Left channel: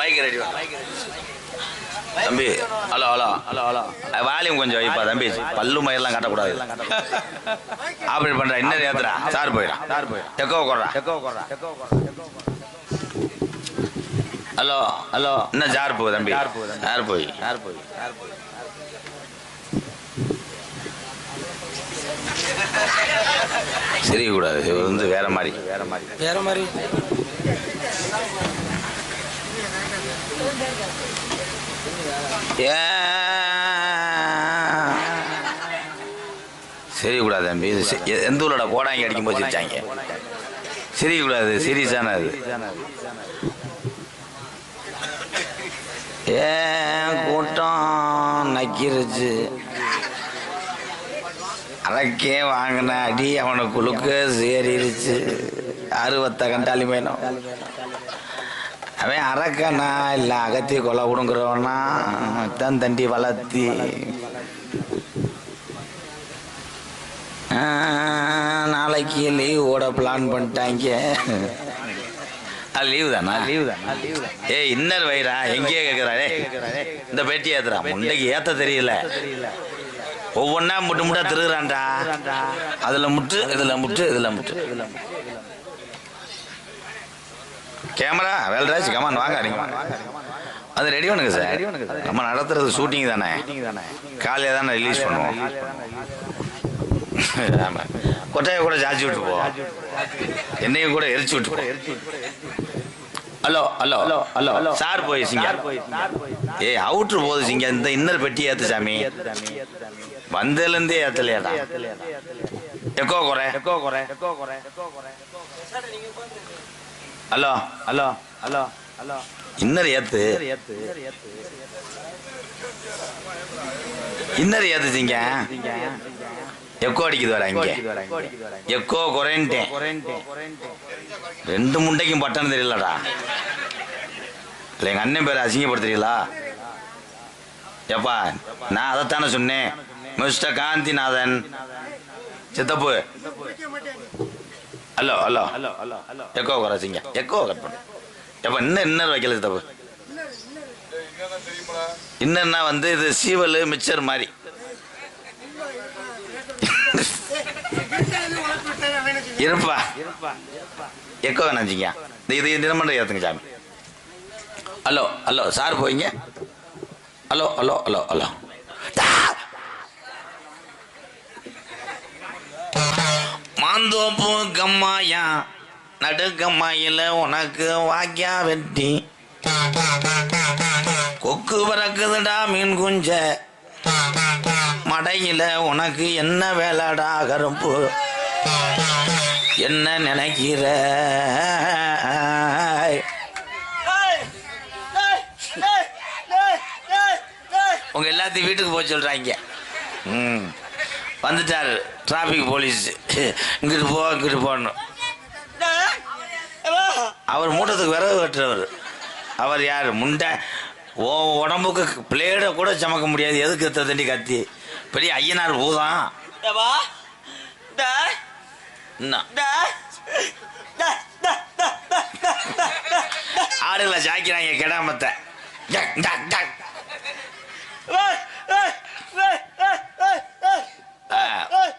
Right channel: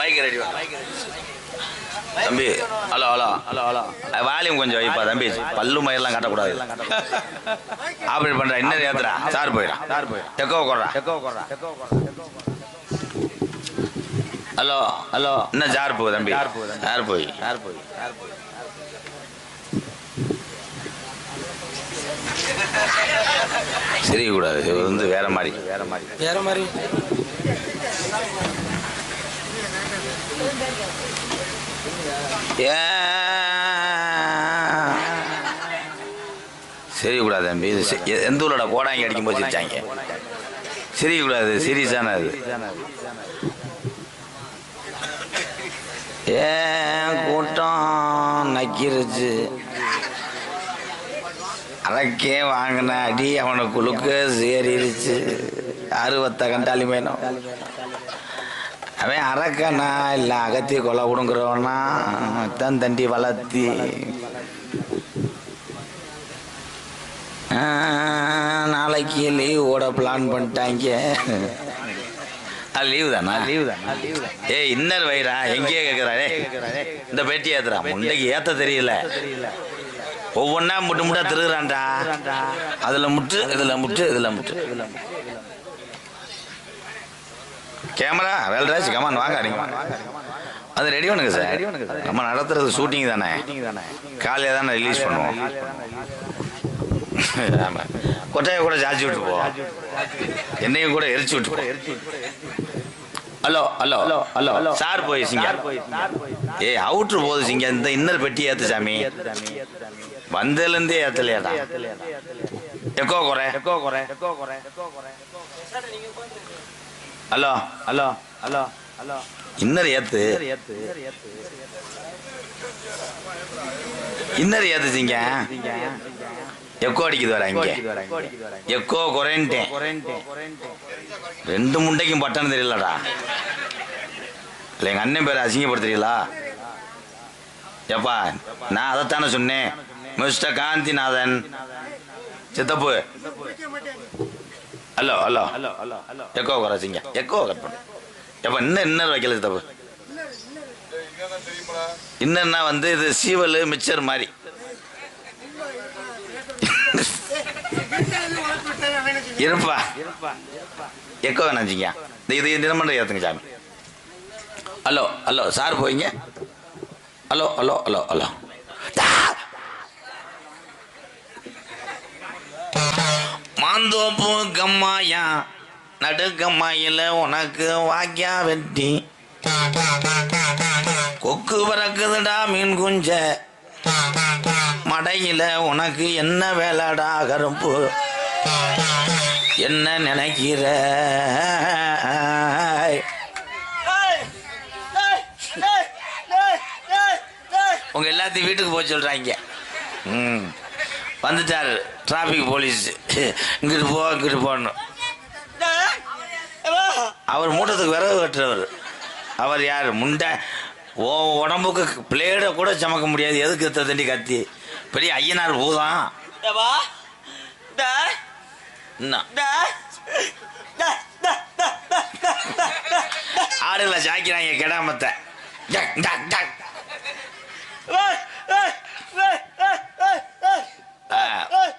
Mic ready தம்பி. Hello hello hello hello volume கொஞ்சம் வைப்பா தம்பி. பல்லு மயிரெல்லாம் காட்டக்கூடாது. ஆப்ரேட் பண்ற இன்னும் ஏத்துறா. சார் போயிடான். டெக்கோ போடுறா. ஹலோ ஹலோ இன்னும் ஜார் போகுது தம்பி. யார் போய் சிரிக்கக்கூடாது. இது வந்து வேற மாதிரி. சிரிக்கக்கூடாது தம்பி. இது எந்த ஊரோட கோடாங்கி அடிக்கும் போது சிரிச்சாங்க. சிரிக்கக்கூடாது. சீரியஸான அது. ஏன் கூட்டம் நக்கிருச்சு. அதற்கே வாங்கின அடி அவனுக்குழுக்க சேரிருச்சு. அறுவத்த கண்டாலி மேனும் அவன் அரக்கனா இல்லை அகத்தி கொலை கொடுங்குறவனா தான் தண்டி வளர்த்தி நாளைக்கு லீவ் ஓட பிளான் பண்ணிட்டாங்க. லீவு தானா? ஏய் இன்னர் வயிறா எங்கேயே கேட்குறாரு. இந்த பேட்டி ஏத்துறா. முண்டைக்கு ஏத்த தெரியல. ஒவ்வொன்னா முட்டு முட்டா திருகுறான்டா. அதுல முட்டு இதுல முட்டு இதுல முட்டு. கேமரா வேல்ராஜ் கமான் வாங்க. அடிங்க அது ரெடி பண்ணுங்க சார். நம்ம நடத்துறது ஷூட்டிங் தானே. காலையில தானே ரிலீஸ் பண்ணுவோம். கொட்டையை கூட ஜாச்சி விட்டு போ. என்னையும் கூட எரிச்சு விட்டு போ. Hello hello hello hello sir போய் சிங்க. ஏய் அவுட்ரு போகுது சிங்க. இந்த இன்னர் பெட்டி ஏத்து சாமி. வந்ததுலேருந்தே ஏத்தலையாடா. எக்கோ குறை. Hello hello hello hello inner ஏத்து. இன்னர் ஏத்துச்சிங்க. எக்கோ அடிக்குது வர. இங்க எக்கோ குறைன்ட்டேன். ரெண்டு முண்டைக்கும் பட்டன்னு தெரியலடா. இல்லை எங்கள் அண்ணன் பேரை அசிங்கப்படுத்துறீங்களா? ஏப்பா நான் அதைத்தானே சொன்னேன். மிஸ்டர் காந்திநாதன் சித்தப்பு. ஹலோ ஹலோ எக்கோ குறைச்சிங்க. எக்கோ கட் பண்ணு. எப்போ இன்னர் வைக்கல சித்தப்பு. இன்னர்னா வந்து இது சீவல் மிக்சர் மாதிரி. இருப்பா எக்கோ வேணாச்சிங்க. இது தினமன்ற ஏற்றுங்க சாமி. ஹலோ ஹலோ சார் போயிங்க. ஹலோ ஹலோ ஹலோ ஹலோ மாந்தோப்பு கம்மாயா நடுக்கம்மாயில உனக்கு வாக்கியா வெட்டி கொக்கு பறக்குதுடா மீன் குஞ்ச மடையில உனக்கு என்ன வேலைடா கருப்பு என்ன நினைக்கிற? உங்க எல்லாத்தையும் வீட்டுக்கு போக சொல்றாங்க. வந்துட்டாரு டிராபிக் போலீஸ். இங்கிட்டு போகணும். அவர் மூட்டத்துக்கு விறகு வெட்டுறவர். அவர் யார்? முண்டை உடம்புக்கு பிளேடை கூட சமக்க முடியாது. எதுக்கு தண்டி கத்தி பெரிய ஐயனார் பூதான். ஆடுகளை சாய்க்கிறாங்க கெடாமத்தை.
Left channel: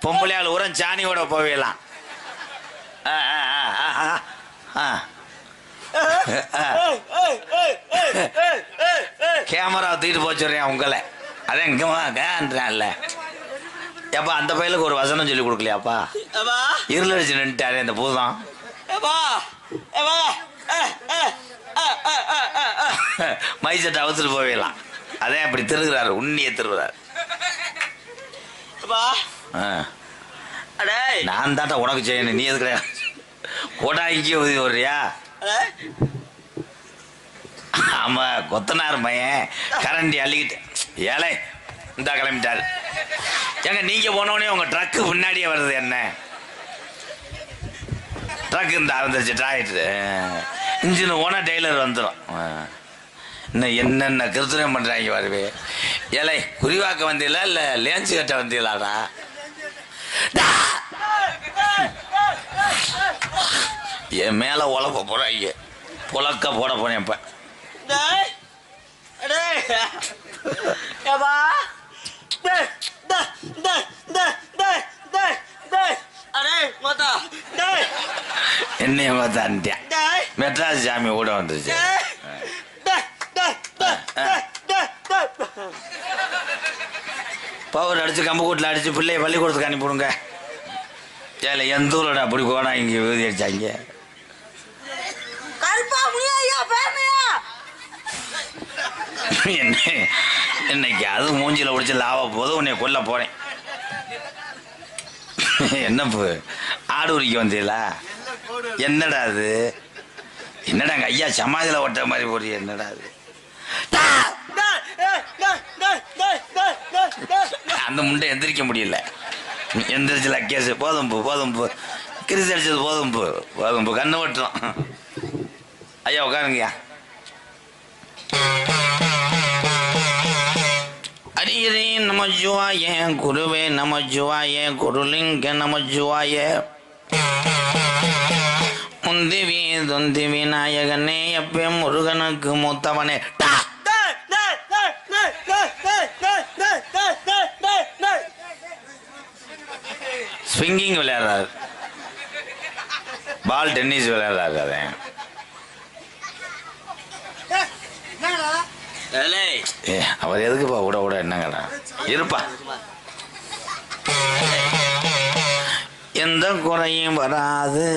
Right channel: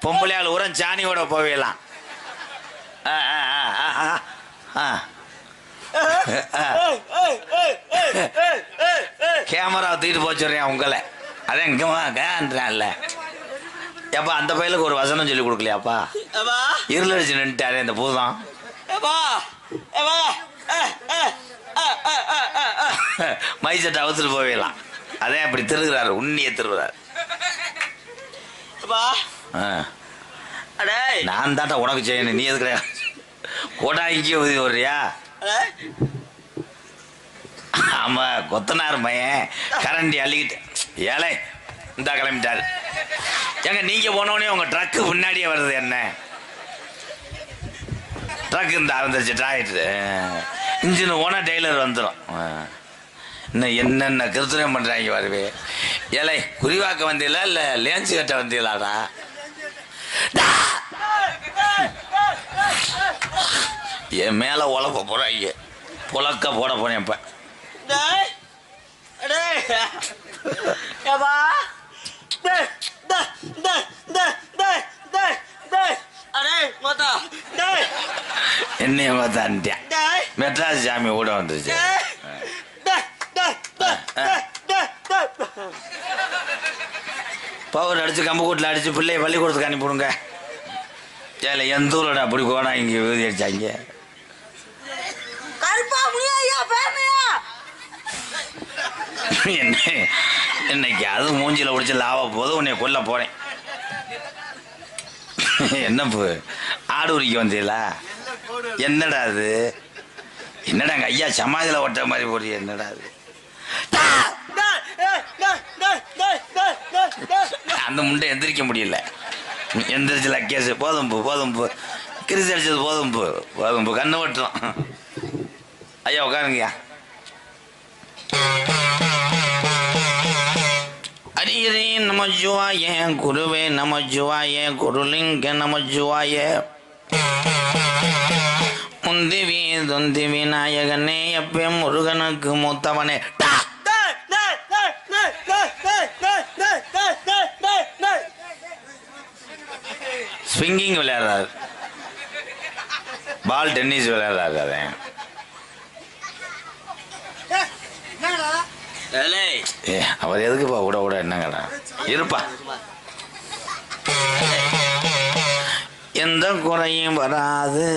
பொம்பளையால் உரம் சாணியோட போவேலாம். கேமரா தூக்கிட்டு போச்சுறேன் உங்களை. அதான் இங்கேன்றான்ல. ஏப்பா அந்த பையலுக்கு ஒரு வசனம் சொல்லி கொடுக்கலையாப்பா? இருள் அடிச்சு நின்ட்டாரு இந்த பூதம். மைசட்டை அவுத்துட்டு போவேலாம். அதே அப்படி திருகுறாரு. உண்ணிய திருகுறாரு. நான் தாட்டா உனக்கு செய்யணும். நீ எதுக்கு கோடாங்கி உதவி வர்றியா? ஆமா கொத்தனார் மையன் கரண்டி அள்ளிக்கிட்டு ஏழை இந்த கிளம்பிட்டாரு. ஏங்க நீங்க போனோடனே உங்க ட்ரக்கு முன்னாடியே வருது. என்ன ட்ரக் இந்த வந்துருச்சு. டிராக்டர் இன்ஜின் ஓனா டெய்லர் வந்துடும். இன்னும் என்னென்ன கிருத்தனம் பண்றாங்க வருவே. ஏழை குறிவாக்க வந்தீங்களா இல்ல லேன்ஸ் கட்ட வந்தீங்களாடா? என் மேல உழப்ப போறாங்க. புழக்க போட போனேன் இப்ப. என்னைய பார்த்தான்ட்டேன். மெட்ராஸ் சாமி கூட வந்துருச்சு. பவர் அடிச்சு கம்பு கூட்டில் அடிச்சு பிள்ளைய பள்ளிக்கூடத்துக்கு அனுப்பிவிடுங்க. ஏல எந்த ஊரோட அப்படி போனா இங்க விழுதி அடிச்சாங்க. என்னைக்கு அது மூஞ்சில உடிச்சு லாவா போது உன்னை கொல்ல போறேன். என்ன ஆடு உரிக்க வந்தீங்களா? என்னடா அது? என்னடா அங்க ஐயா சமாதியில ஒட்ட மாதிரி போறீங்க? என்னடா அது? அந்த முண்டை எந்திரிக்க முடியல. எந்திரிச்சல கேசு போதும்பு போதும்பு கிரிசி அடிச்சது போதும்பு போதும்பு கண்ணு வட்டுறோம். ஐயா உட்காருங்கய்யா. ஹரிஹரி நமஜுவாய குருவே நமஜுவாய குருலிங்க நமஜுவாய முந்திவி தொந்தி விநாயகனே எப்பே முருகனுக்கு மூத்தவனே. ஸ்விங்கிங் விளையாடுறாரு. பால் டென்னிஸ் விளையாடுறாரு. அவர் எதுக்குப்பா விட விட என்னங்கடா இருப்பா. எந்த குறையும் வராது.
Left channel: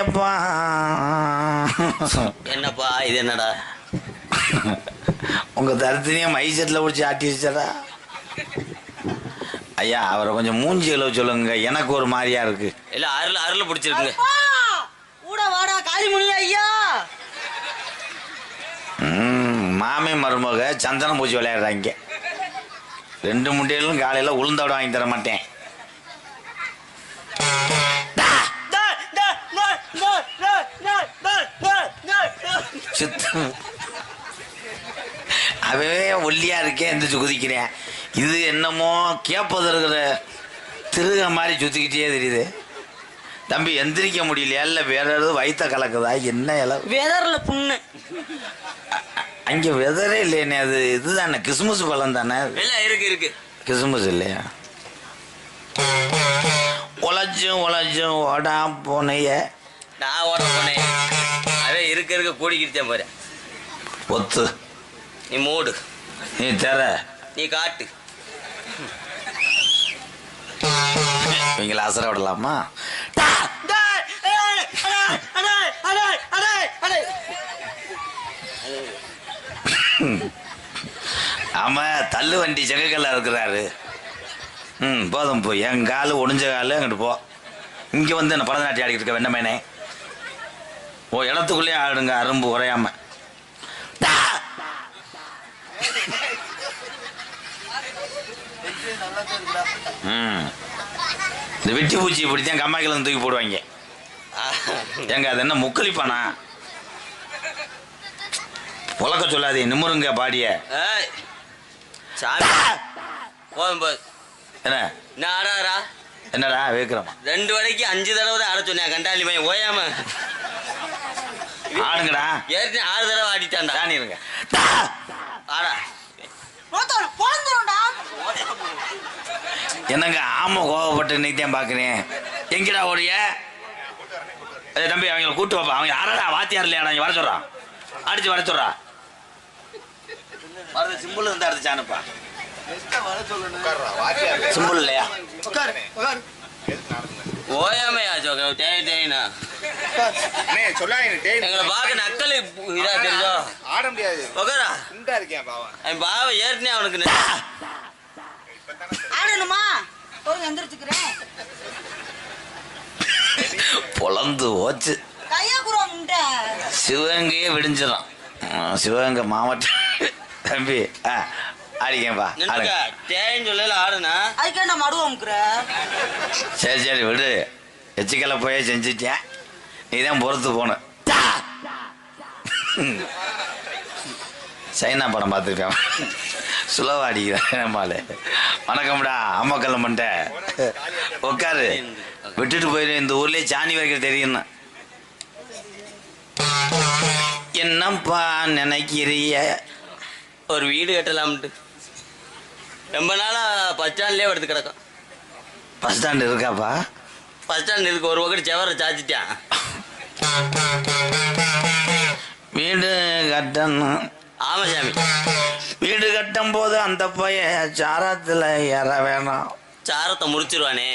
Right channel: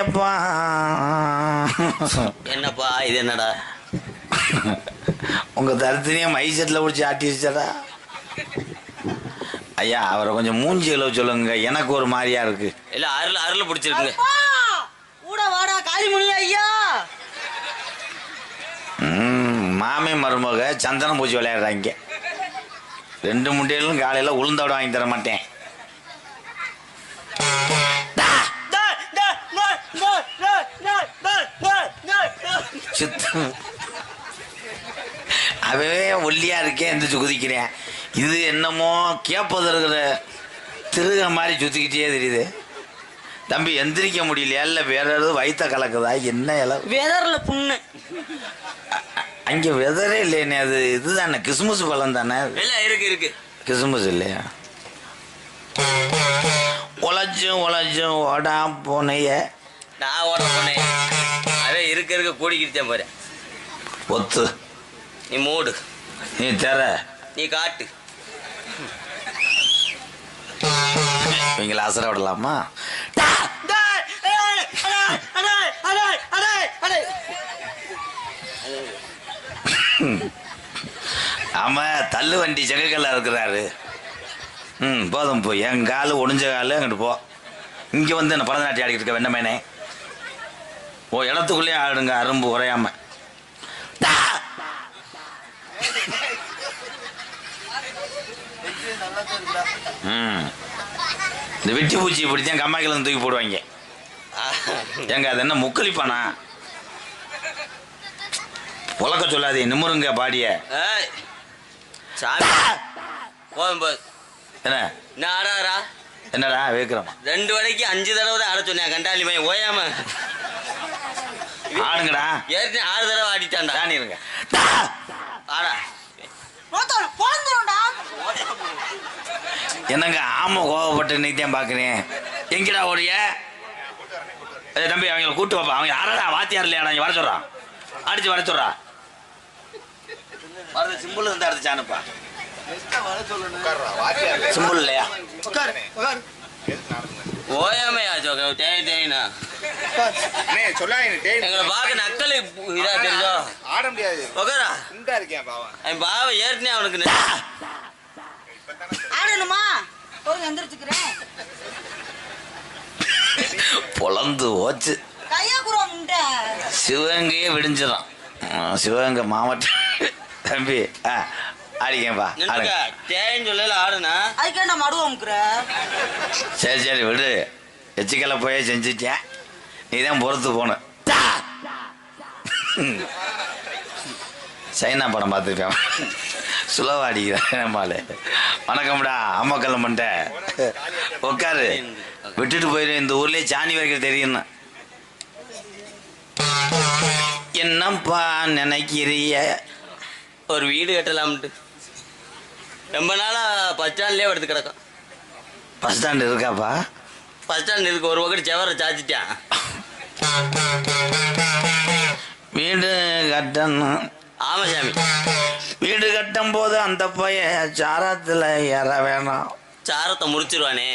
ஏப்பா என்னப்பா இது? என்னடா உங்க தரத்தினையும் மை செட்ல பிடிச்சி ஆட்டிடுச்சடா. ஐயா அவரை கொஞ்சம் மூஞ்சி அளவு சொல்லுங்க. எனக்கு ஒரு மாதிரியா இருக்கு. இல்ல அருள் பிடிச்சிருக்கு. வாடா காளிமணி ஐயா. மாமே மருமக சந்தனம் பூச்சி விளையாடுறாங்க. 2 முட்டையிலும் காலையில உளுந்தோட வாங்கி தர மாட்டேன். அவவே ஒல்லியா இருக்கேன் எந்திரிச்சு குதிக்கிறேன். இது என்னமோ கேப்பது இருக்கிற திருக மாதிரி சுத்திக்கிட்டே தெரியுது. தம்பி எந்திரிக்க முடியலையா? இல்ல வேற ஏதாவது வயிற்ற கலக்குதா? என்ன இலை வெதர்ல புண்ணு? அங்க வெதரே இல்லையே. அது இதுதானே கிறிஸ்மஸ் பழம் தானே? இருக்கு கிறிஸ்மஸ் இல்லையா? உழைச்சும் ஓடா போனைய. நான் ஓட போனேன். அதே இருக்க கூடிக்கிட்டேன் பாரு. ஒத்து நீ மூடு. நீ தர நீ காட்டு. இவங்களை அசர விடலாமா? ஆமா தள்ளு வண்டி செங்கக்கல்ல இருக்கிறாரு. போதும் போ. என் காலு ஒடிஞ்ச காலு அங்கிட்டு போ. இங்க வந்து என்ன பரதநாட்டியம் ஆடிக்கிட்டு இருக்க வெண்ணமேனே? ஓ இடத்துக்குள்ளே ஆடுங்க அரும்பு குறையாம. இந்த வெட்டி பூச்சி இப்படித்தான் கம்மாய்க்கில் தூக்கி போடுவாங்க. எங்க அது என்ன முக்களிப்பானா? உலக சொல்லாதே நிம்முருங்க பாடிய. என்ன ஆடாரா? என்னடா வேக்கிறோம்? 2 வரைக்கு 5 தடவை தான் ஆட சொன்னேன். கண்டாளி மையம் ஓயாம ஆடுங்கடா. ஏற்கனவே 6 தடவை ஆடிட்டான்டா. தானிருங்க ஆடா. என்னங்க ஆமா கோவப்பட்டு இன்னைக்கு பாக்குறேன். எங்கடா ஓடிய? தம்பி அவங்களை கூட்டு வாப்பா. அவங்க யாரடா வாத்தியார் இல்லையாடா? வர சொல்றான். அடிச்சு வர சொல்றா. வரது சிம்பிள் இருந்தா அடிச்சானுப்பா. சிம்பிள் இல்லையா? ஓயாமையா தேய்னா எங்களை பார்க்க நக்கல் இதா தெரிஞ்சோ? ஆட முடியாது. பாவ ஏற்கனவே அவனுக்கு ஆடணுமா? எந்திரிச்சுக்கிறேன். பொழந்து ஓச்சு சிவகங்கையே விடிஞ்சிடும். சிவகங்கை மாவட்டம். தம்பி ஆடிக்கப்பா. தேன்னு சொல்லல ஆடுனா அதுக்கே நான் மடுவோம்க்குற. சரி விடு. எச்சிக்கலை போய் செஞ்சுட்டேன். நீ தான் பொறுத்து போன. சைனா படம் பார்த்துருக்கேன். சுலவா அடிக்கிறேன் மாலை. வணக்கம்டா அம்மாக்கல்ல மண்ட உட்காரு. விட்டுட்டு போயிரு. இந்த ஊர்லயே சாணி வைக்க தெரியும். என்னப்பா நினைக்கிறிய? ஒரு வீடு கட்டலாம்ட்டு ரொம்ப நாளா பஸ் ஸ்டாண்ட்லேயே எடுத்து கிடக்கும். பஸ் ஸ்டாண்டு இருக்காப்பா? பஸ் ஸ்டாண்ட் இருக்கு. ஒரு பக்கத்து செவரை சாச்சிட்டான். வீடு கட்டணும். ஆமா சாமி. வீடு கட்டும் போது அந்த பைய சாரத்துல ஏற வேணாம். சாரத்தை முடிச்சிருவானே.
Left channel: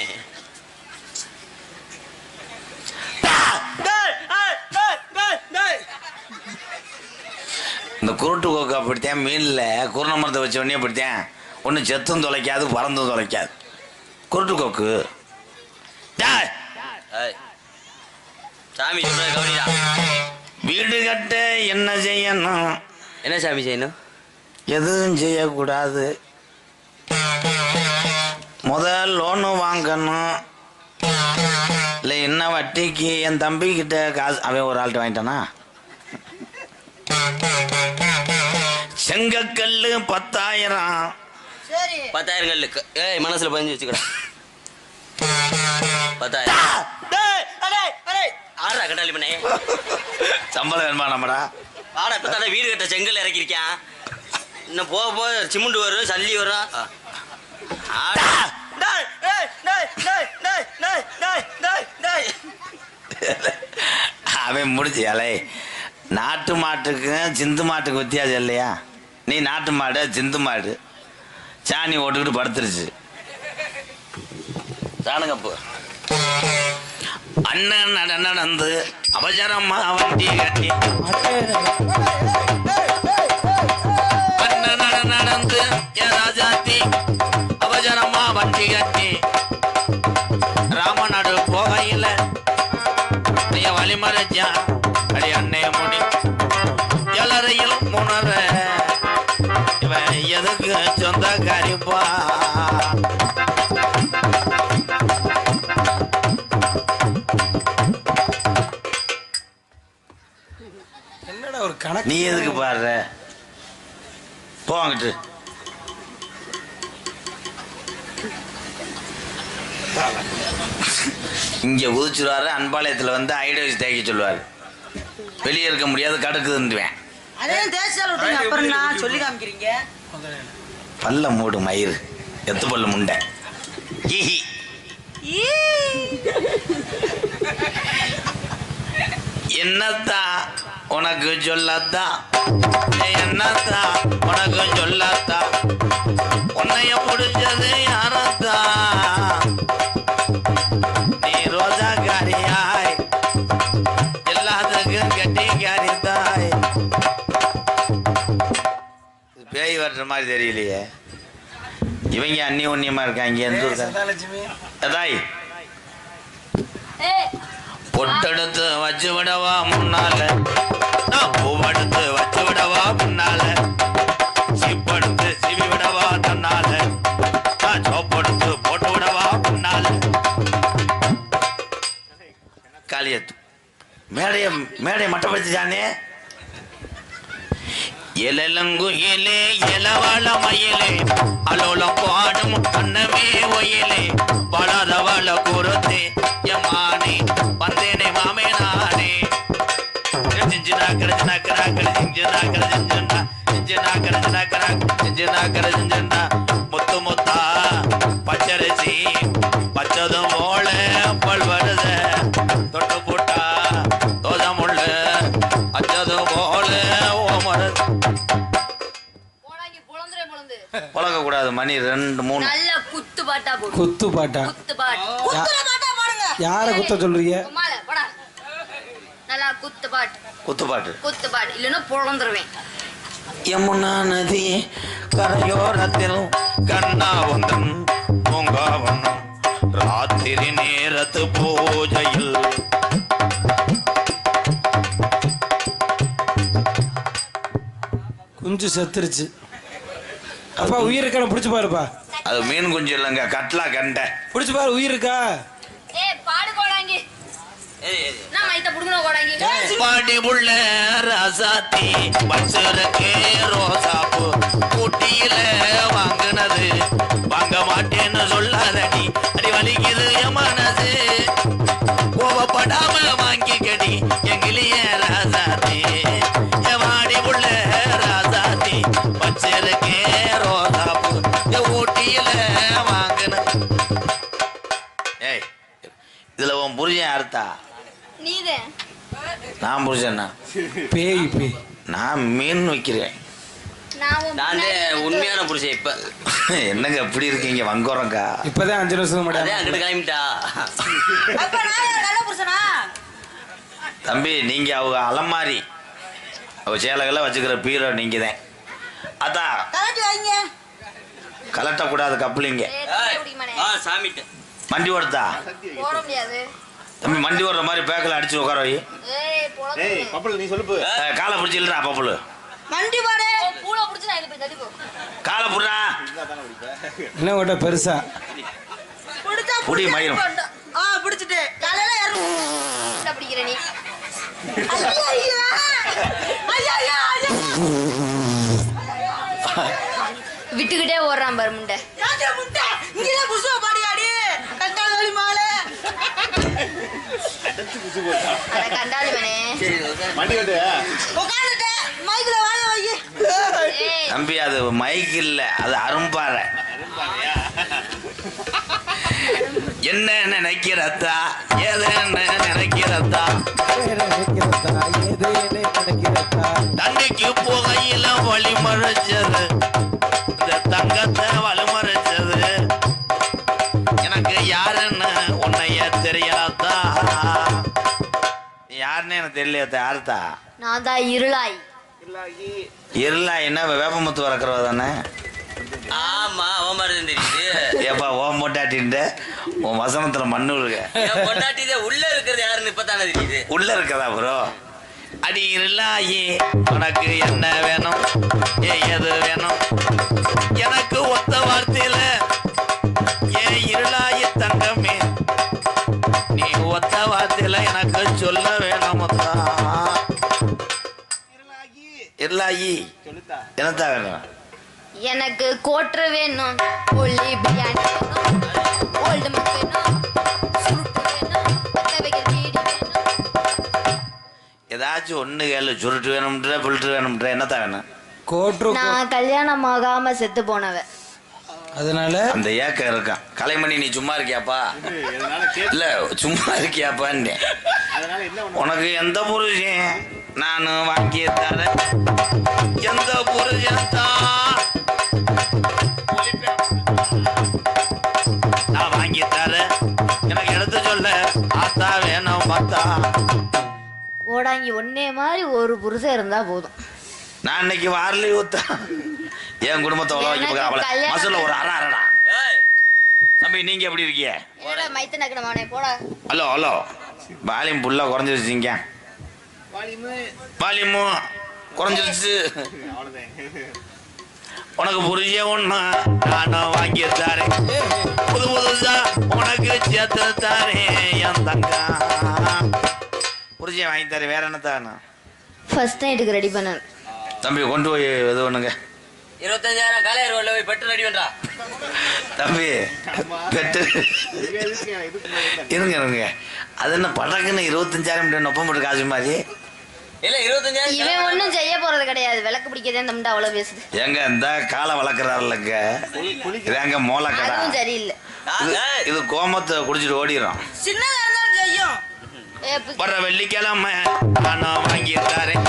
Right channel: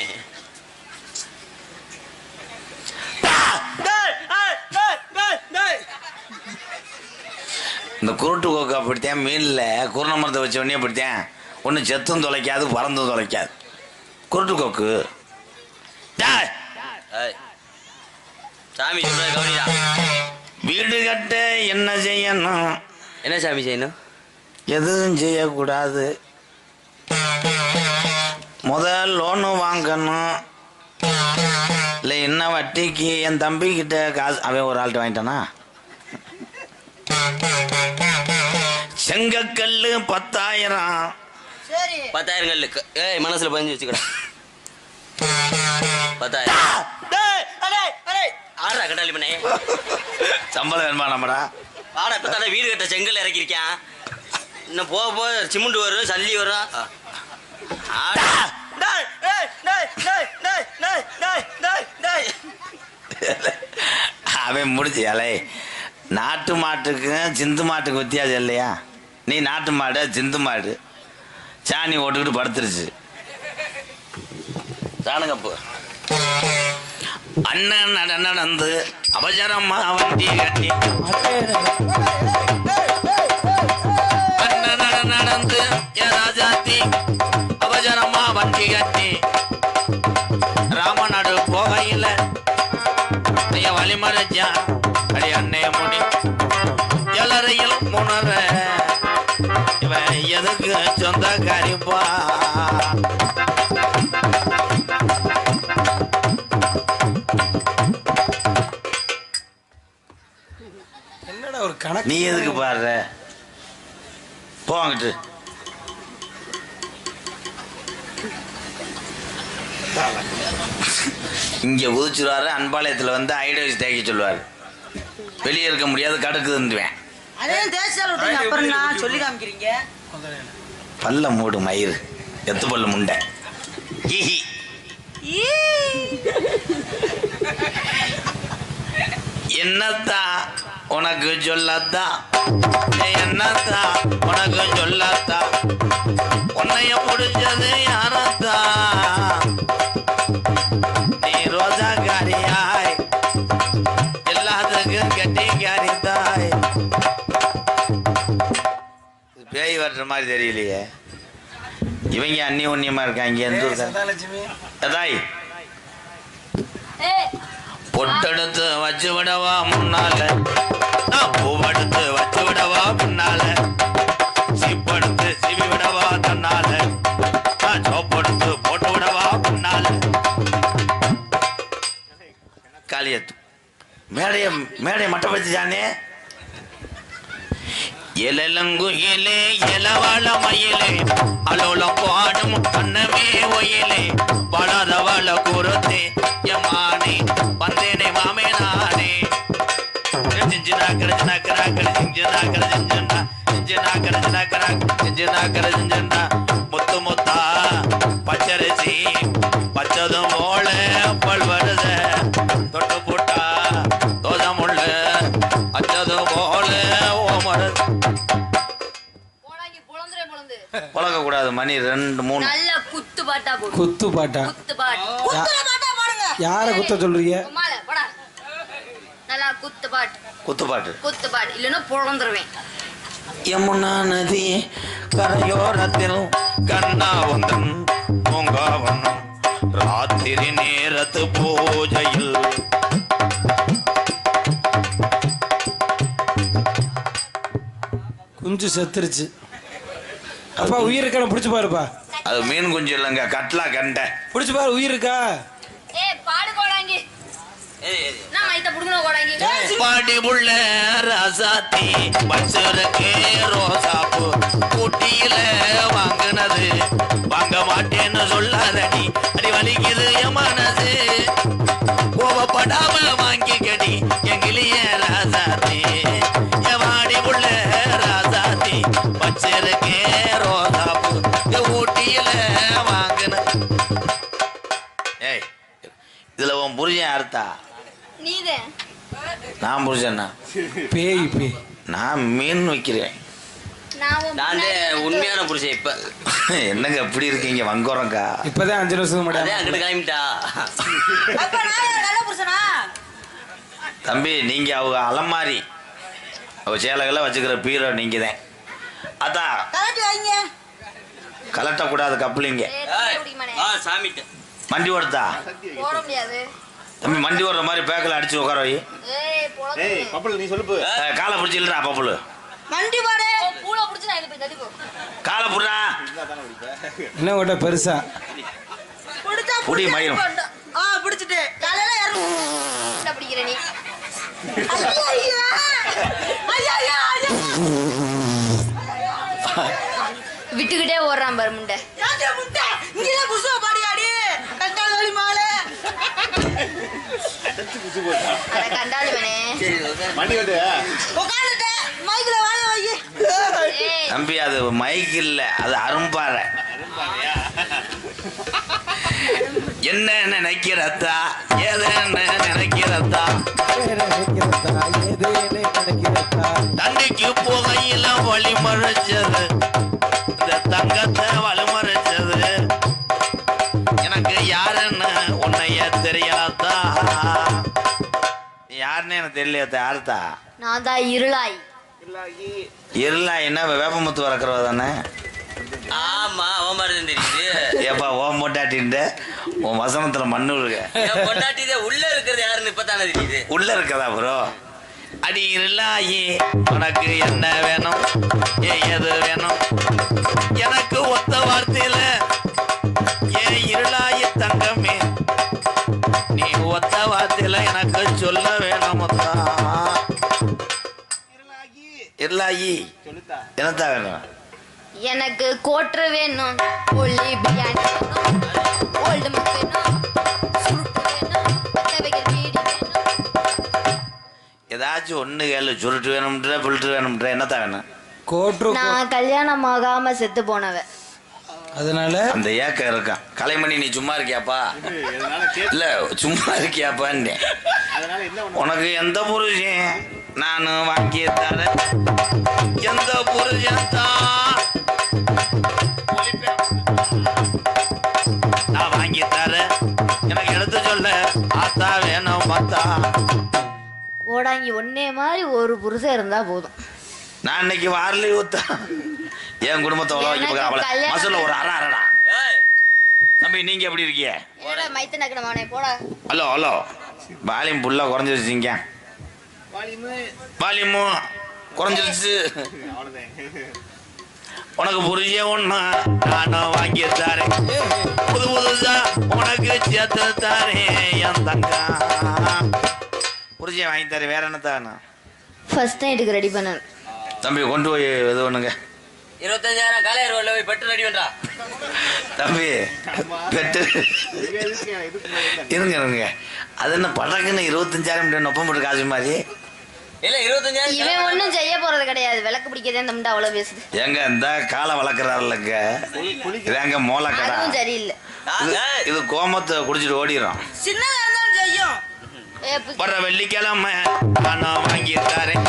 இந்த குருட்டு கோக்கா அப்படித்தான். மீன்ல குருண மரத்தை வச்ச உடனே அப்படித்தான். ஒன்றும் செத்தும் தொலைக்காது, பறந்தும் தொலைக்காது. குருட்டு கோக்கு. சாமி சொல்ற கவனிடா. வீடு கட்ட என்ன செய்யணும்? என்ன சாமி செய்யணும்? எதுவும் செய்யக்கூடாது. முதல் லோனு வாங்கணும். இல்லை என்ன வட்டிக்கு என் தம்பிக்கிட்ட காசு அவன் ஒரு ஆள்கிட்ட வாங்கிட்டானா? செங்கக்கல்லு 10,000. சரி 10,000 கல்லுக்கு. ஏய் மனசுல பதிஞ்சு வச்சுக்கடா. 10,000. ஆறா கட்டாளி பண்ணே. சம்பளம் வேணுமா நம்மடா? ஆடா இப்ப தானே வீடு கட்ட செங்கல் இறக்கிருக்கேன். இன்னும் போக போக சிமெண்ட் வரும், சல்லி வரும். அவன் முடிச்சு அலை. நாட்டு மாட்டுக்கும் சிந்து மாட்டுக்கு வித்தியாசம் இல்லையா? நீ நாட்டு மாடு, சிந்து மாடு. சாணி ஓட்டுக்கிட்டு படுத்துருச்சு. சாணுங்கப்போ அண்ணன் நடந்து அவசரமா வண்டி கட்டி அண்ணன் நடந்து ராஜாத்தி அவசரமா வண்டி கட்டி ராமநாடு போகையில் வழிமறைச்சா அடி அண்ணைய முடி எல்லாரையும் முன்னர இவன் எதுக்கு சொந்தக்காரிப்பா? என்னடா ஒரு கணக்கு? நீ எதுக்கு பாடுற? போங்கிட்டு இங்க உதிச்சுருவாரு. அன்பாளையத்தில் வந்து ஐடியாஸ் தேய்க்க சொல்லுவாரு. வெளியே இருக்க முடியாது, கடுக்குதுன்னுவேன். அதே தேய்ச்சால் விட்டுங்க. அப்புறம் நான் சொல்லி காமிக்கிறீங்க. பல்ல மூடு மயிறு எத்து பல்லு முண்டை. என்னத்தா உனக்கு சொல்லத்தா? என்னத்தா உனக்கு சொல்லத்தா? உன்னைய முடிச்சது யாரத்தா? நீ ரோஜா காரியாய் எல்லாத்துக்கும் கட்டி காரித்தாய். பேய் வர்ற மாதிரி தெரியலையே. இவங்க அந்நிய உன்னியமா இருக்காங்க. எந்த தாய் பொட்டெடுத்து வச்சு விடவா முன்னால, நான் பூவெடுத்து வச்சு விடவா முன்னால, சீப்படுத்து சிவி விடவா தன்னால, நான் சோப்படுத்து போட்டு விடவா முன்னால. காளியத்து மேடைய மட்டம் வச்சுச்சானே. எலலங்கு இலே எலவாழ மயிலே அலோலம் பாடும் கண்ணமே ஒயிலே வளர வள குருத்தே யமானே வந்தேனே மாமே நானே. ஜிஞ்சினா கரஜினா கராக்கட ஜிஞ்சினா கர ஜிஞ்சினா ஜிஞ்சினா கரஜினா கராக் ஜிஞ்சினா கர ஜிஞ்சினா முத்து முத்தா பச்சரிசி பச்சதும் போல பல்வருத தொட்டு போட்டா தோதமுள்ள அச்சதும் போல ஓமரது. பழக கூடாது. மணி 2 3. நல்ல குத்து பாட்டா போடு. குத்து பாட்டா? குத்து பாட்டு. குத்துற பாட்டா பாடுங்க. யார குத்த சொல்றீங்க? உம்மால போடா. நல்லா குத்து பாட்டு. குத்து பாட்டு. குத்து பாட்டு இல்லனா பொளந்துருவேன். யமுனா நதி கரையோரத்தில் கண்ணாவந்தன் பூங்காவனம் ராத்திரி நேரத்து பூஜையில் குஞ்சு செத்துருச்சு. அப்பா உயிர் இருக்கா? பிடிச்சு பாருப்பா. அது மீன் குஞ்சு இல்லைங்க, கட்லா கண்டை. பிடிச்சு பாரு, உயிர் இருக்கா? ஏய் பாடு கோடாங்கி. நான் மைத்த புடுங்கணும் கோடாங்கி. பாடி புள்ள ராசாத்தி பச்சருக்கு ரோசாப்பு ஊட்டியில வாங்கினது வாங்க மாட்டேன்னு சொல்லாதடி அடி வலிக்குது என் மனசு கோவப்படாம வாங்கிக்கடி எங்கிலிய ராசாத்தி பாடி புள்ள ராசாத்தி பச்சருக்கு ரோசாப்பு ஊட்டியில வாங்கினது. ஏய் இதுல உன் புரிஞ்ச அர்த்தா நீதான். நான் புரிஞ்சேன்னா பேய் பேய் நான் மீன் வைக்கிறேன். நான் உண்மையான புருஷன். இப்ப என்னங்க எப்படி இருக்கீங்க வங்கோரங்கா? இப்பதான் 5 வருஷத்துக்கு அதே முன்னாடி அங்கிட்டு கிளம்பிட்டா. அப்ப நான் நல்ல புருஷனா? தம்பி நீங்க அவங்க அலமாரி அவ சேலைகளை வச்சுக்கிற பீரோ நீங்க தான். அதான் கலட்டி வைங்க. கலட்டக்கூடாது கப்பலிங்க. சாமிட்ட மண்டி ஓடுதா போட முடியாது. தம்பி மண்டி ஓடுற மாதிரி பேக்கில் அடிச்சு உட்கார வை. ஏய் பப்பல் நீ சொல்லு காலை பிடிச்சி இல்லடா பப்புளு மண்டி பாடு. பூள புடிச்சு நான் இழுத்து தள்ளி போ. காலை புடுறா. என்ன ஓட்ட பெருசா புடிச்சா புடி மயிரும். புடிச்சிட்டு காலையில ஏறு. என்ன பிடிக்கிற நீ? ஐயா ஐயா ஐயா ஐயா. விட்டுக்கிட்டே ஓடுறான் பாரு முண்டை. யாச்சே முட்டை. இங்க புசுவ பாடியாடி. கண்டால் வலி மாலை. அட கண்டாலுமனே. மண்டி கட்டு உட்கார்ந்துட்டு மைக்ல வாய வை. ஏய் தம்பி அது மைக் இல்ல அது அரும்பாறை. என்ன நினைக்கிறதா ஏதேன்னு நினைக்கிறதா தண்ணிக்கு புகையில வழி மறைச்சது இந்த தங்கத்தை வழிமறைச்சது எனக்கு யாருன்னு உன்னைய தெரியாதா? யாருன்னு எனக்கு தெரியலையா? யாருத்தா? நான் தான் இருளாய். இருளா என்ன வேப்பமுத்து வளர்க்குறவ தானே? ஆமா அவன் மாதிரி தெரியுது. ஏப்பா ஓம் மொட்டாட்டின்ட்டு உன் வசனத்துல மண்ணு இருக்க பொண்டாட்டிதே உள்ள இருக்கிறது யாருன்னு இப்பதானே தெரியுது. உள்ள இருக்கதா ப்ரோ? அடி இருளாயி உனக்கு என்ன வேணும் எது வேணும் எனக்கு ஒத்த வார்த்தையில ஏன் இருளாயி தங்கமே நீ ஒத்த வார்த்தையில எனக்கு சொல்ல வேணும். இருளாயி என்னத்தா வேணும்? எனக்கு கோட்ரு வேணும், ஒல்லி பிரியாணி வேணும், ஓல்டு மக் வேணும், சுருட்டு வேணும், பத்தவைகள் பீடி வேணும். ஏதாச்சும் ஒண்ணு கேளு. சுருட்டு வேணும்ன்ற புல்ட்டு வேணும்ன்ற என்னத்தா வேணும்? கோட்ரு நான் கல்யாணம் ஆகாம செத்து போனவ. அதனால அந்த ஏக்கம் இருக்கான். கலைமணி நீ சும்மா இருக்கியாப்பா? இல்ல சும்மா இருக்கியாப்பான்னு. உனக்கு எந்த புருஷன் நான் வாங்கிய தரேன் எந்த புருஷன் தான் நான் வாங்கி தரேன் எனக்கு எடுத்து சொல்ல ஆத்தா வேணும் மத்தா. கோடாங்கி ஒன்னே மாதிரி ஒரு புருஷன் இருந்தா போதும். நான் இன்னைக்கு வாரலி ஊத்த என் குடும்பத்தை மசூல ஒரு அரடா. தம்பி நீங்க எப்படி இருக்கீங்க? மைத்த நக்கணமானே போடா. ஹலோ ஹலோ வால்யூம் ஃபுல்லா குறைஞ்சிருச்சிங்க. வால்யூமு குறைஞ்சிருச்சு. உனக்கு புரிய ஒண்ணு நானும் வாங்கி தாரேன் புது புதுசா உனக்கு சேர்த்து தாரேன் என் தங்கா. புரிஞ்ச வாங்கி தரேன். வேற என்ன தானே? ஃபர்ஸ்ட் நைட்டுக்கு ரெடி பண்ண தம்பி கொண்டு போய் இது ஒண்ணுங்க. 25,000 காலையர் ரோட்ல போய் பெட்டு ரெடி பண்றா. தம்பி பெட்டு இருங்க இருங்க. அது என்ன படக்குன்னு 25,000 நொப்பம் போட்டு காசு மாதிரி இல்ல 25,000. இவன் ஒண்ணும் செய்ய போறது கிடையாது. விளக்கு பிடிக்கதே இந்த முண்டை அவ்வளவு பேசுது. எங்க இந்த காலை வளர்க்குறாருலங்க இதாங்க மோளக்கடா. அதுவும் சரியில்லை. இது கோமத்தை குடிச்சிட்டு ஓடிடும். சின்னதா இருந்தாலும் செய்யும். வர வெள்ளிக்கிழமை நான் வாங்கி தரேன்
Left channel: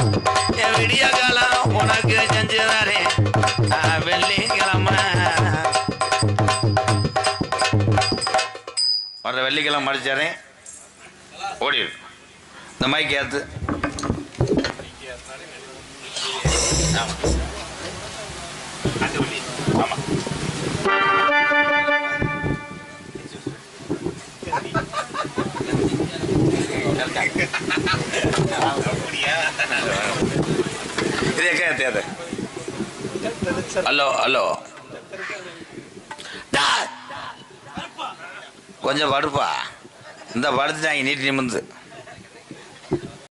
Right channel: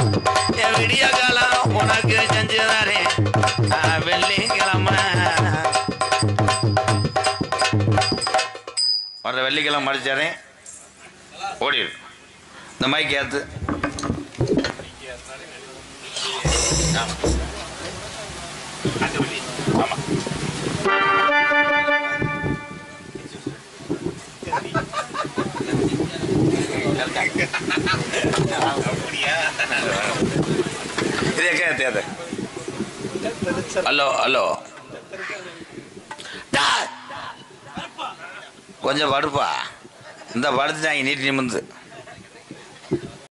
என் விடிய காலம் உனக்கு செஞ்சு தரேன். வெள்ளிக்கிழமை வர வெள்ளிக்கிழமை மடிச்சிடறேன் ஓடிடு. இந்த மைக் ஏத்து. ஹலோ ஹலோ கொஞ்சம் படுப்பா. இந்த படுத்துட்டாங்க நீட்டி நிமிந்து.